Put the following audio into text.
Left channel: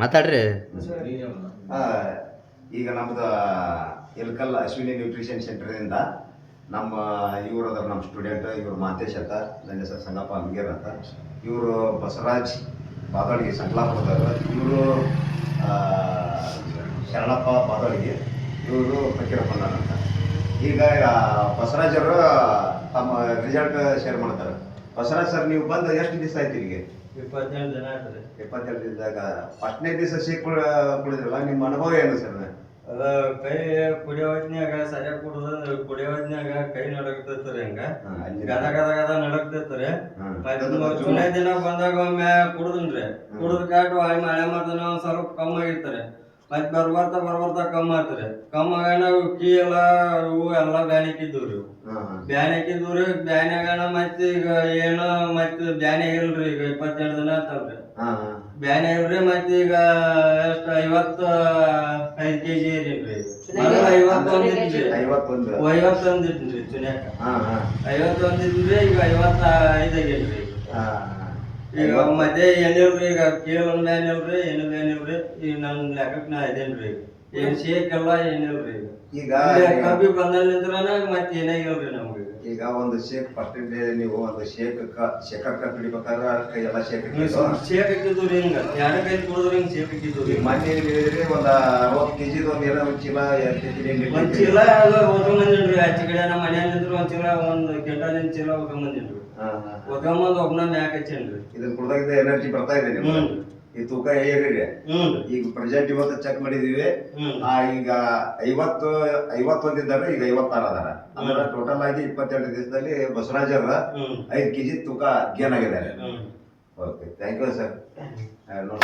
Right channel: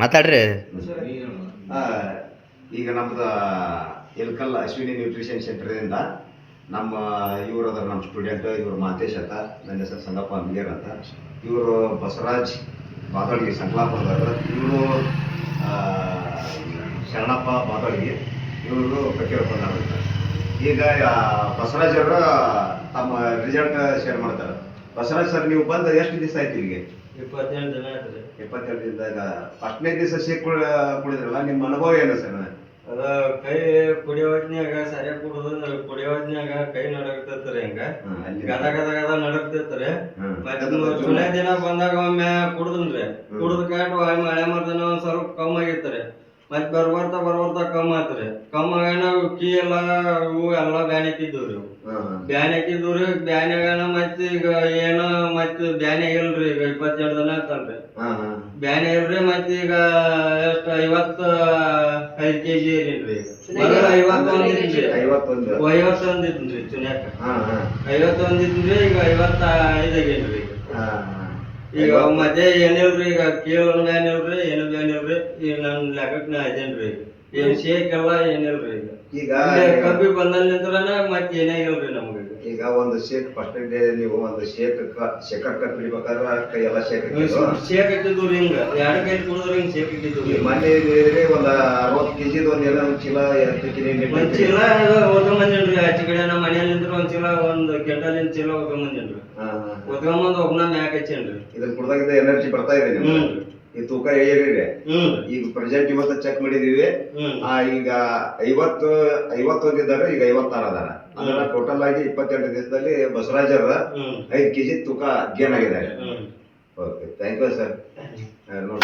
ಮಾತಾಡ್ರಿ. ಈಗ ನಮ್ದು ಎಲ್ಕಲ್ ಅಶ್ವಿನಿ ನ್ಯೂಟ್ರಿಷನ್ ಸೆಂಟರಿಂದ ನಮ್ಮ ಇವರು ಅದಾರ, ನಮ್ಮ ಸ್ಟೂಡೆಂಟ್ ಇವರು ಮಾಂತೇಶ್ ಅಂತ, ನನ್ನ ಹೆಸರು ಸಂಗಪ್ಪ ಅಂಗೇರ್ ಅಂತ. ಇವರು ಬಸವರಾಜ್ ಬಾದಳ್ಗಿ ಸಂಕ್ಲಾಪುರದವರು, ಇವರು ಶರಣಪ್ಪ ಬಾದಳ್ಗಿ, ಇವರು ಫಕೀರಪ್ಪನವ್ರು ಅಂತ. ಈಗ ಬಸವರಾಜರು ತಮ್ಮ ರಿಸಲ್ಟ್ ಶೇರ್ ಮಾಡ್ತಾರೆ. ಬಸವರಾಜ್ ಸರ್, ನೀವು ಬಂದು ಎಷ್ಟು ದಿವಸ ಆಯ್ತು ಇಲ್ಲಿಗೆ? 27 ದಿನ ಆಯ್ತು ರೀ. 27 ದಿನದಾಗ ಫಸ್ಟ್ನೇ ದಿವಸ ಸಿಕ್ ಕುಡಿದ್ರಲ್ಲ, ನಿಮ್ಮ ಅನುಭವ ಏನು ಸರ್? ಅದ ಕೈ ಕುಡಿಯೋ ಹೊತ್ನ್ಯಾಗ ಸರಿಯಾಗಿ ಕುಡಿಯೋ ಹೊತ್ನ್ಯಾಗ ಕೈ ನಡಕ್ತೈತ್ರಿ, ಹಿಂಗ ಗದ ಗದ ಗದ ನಡಕ್ತೈತ್ರಿ. ಚುನೇ ದಿನ ಬಂದಾಗ ಒಮ್ಮೆ ಕುಡ್ದನ್ರಿ, ಕುಡ್ದ ಕಾಟ್ ಮಳೆ ಮರ್ದನ ಒಂದ್ ಸ್ವಲ್ಪ ಕಮ್ಮಿ ಆಗಿತ್ರಿ. ಮತ್ ಬರ್ಬರ್ತಾ ಕಮ್ಮಿ ಆತ್ರಿ. ಕಮ್ಮಿ ನಾವು ಕೀ ಎಲ್ಲಾ ಇವು ಎಲ್ಲಾ ಬ್ಯಾನ್ ಹಾಕಿದ್ವಿ. ಬ್ಯಾನ್ ಹಾಕಿದ್ವಿ. ಬ್ಯಾನ್ಯಾಗನ ಮತ್ ಈಗ ಏನು ಮತ್ ಬ್ಯಾನ್ ಇಲ್ರಿ. ಈಗ 27 ದಿನ ಆತಲ್ರಿ, ಬ್ಯಾನ್ ಇಲ್ರಿ. ಮತ್ ಈಗ ಎಷ್ಟ್ 55 kg ಏನಿಲ್ರಿ. 51 ಇದ್ರಿ ಚುನ್ಯಾಕ, 51 ಇದ್ರಿ. ಈಗ 55 ಆಗೇನ್ರಿ. ಈಗ ಮತ್ತೆ ಏನಿಲ್ರಿ, ಈಗ ಕೀಲ್ ಬ್ಯಾನ್ ಇಲ್ರಿ, ಏನು ಬ್ಯಾನ್ ಇಲ್ರಿ. ಈಗ ನನ್ ಲೆಕ್ಕಕ್ ನಾ ಇದೇನ್ರಿ. ಏನ್ ಶೇಕ್ ಎಲ್ಲ ಏನಿಲ್ರಿ. ಈಗ ಕಬ್ಬಿ ಬಂದಲ್ಲಿಂದ್ರನ ಮತ್ ಏನಾಗಿಲ್ರಿ ನಮ್ಗೆ. ಈಗ ಒಂದು ಶೇಕ್ ಫಸ್ಟ್ ಡೇ ನೀವು ಒಂದು ಶೇಖರ್ ಕುಡಿಬೇಕಾದ್ರೆ ಕೈ ಎಲ್ಲ ಶೇಕ್ ಹಾಕಿದ್ವು ರೀ. ಹಿಂಗ 2 ಕೈ ಕುಡಿದ್ರೆ ಹಿಂಗ್ ಶೇಕ್ ಹಾಕಿದ್ವಿ. ಮನೆ ಒಂದು 60 kg ಒಂದು ಏನೋ ಒಂದು ಚೀಲ ಒಂದ್ ಚೀಲ ಓದ್ಕೊಂಬಂದಿನ್ರಿ. ಆಚೆ ಕಡೆ ನಮ್ಮ ಮನೆಯಲ್ಲಿಂದ್ರ ಒಂದ್ ಚೀಲ, 1 ಕ್ವಿಂಟಲಿನ ಚೀಲ ಓದ್ಕೊಂಬಂದಿನ್ರಿ. ಓದ್ಕೊಂಬಂದ್ ಒಬ್ಬನ ಮ್ಯಾಕ್ ಹಚ್ಚೇನ್ರಿ. ಇದನ್ನ ಕುಡ್ದಾಗಿದ್ದ ಎನರ್ಜಿ ಬರ್ತಾ ಇದೆ ನಿಮ್ಗೆ. ಈ ತೂಕ ಹೇಗಿದೆ ಈಗ ಪ್ರೆಸೆಂಟ್ ಇವತ್ತು ಚೆಕ್ ಮಾಡಿದೀವಿ. ಈಗ 51 ಇದ್ದಾರೆ, ಈಗ 56 ಅದಾರ. ಅಂದ್ರೆ ಟೋಟಲ್ ಆಗಿ 28 ದಿವಸದಲ್ಲಿ ಬಸವರಾಜರ 5 kg ತೂಕ ಗೇನ್ ಆಗಿದ್ದಾರೆ. Okay, thank you sir. ನೋಡಿ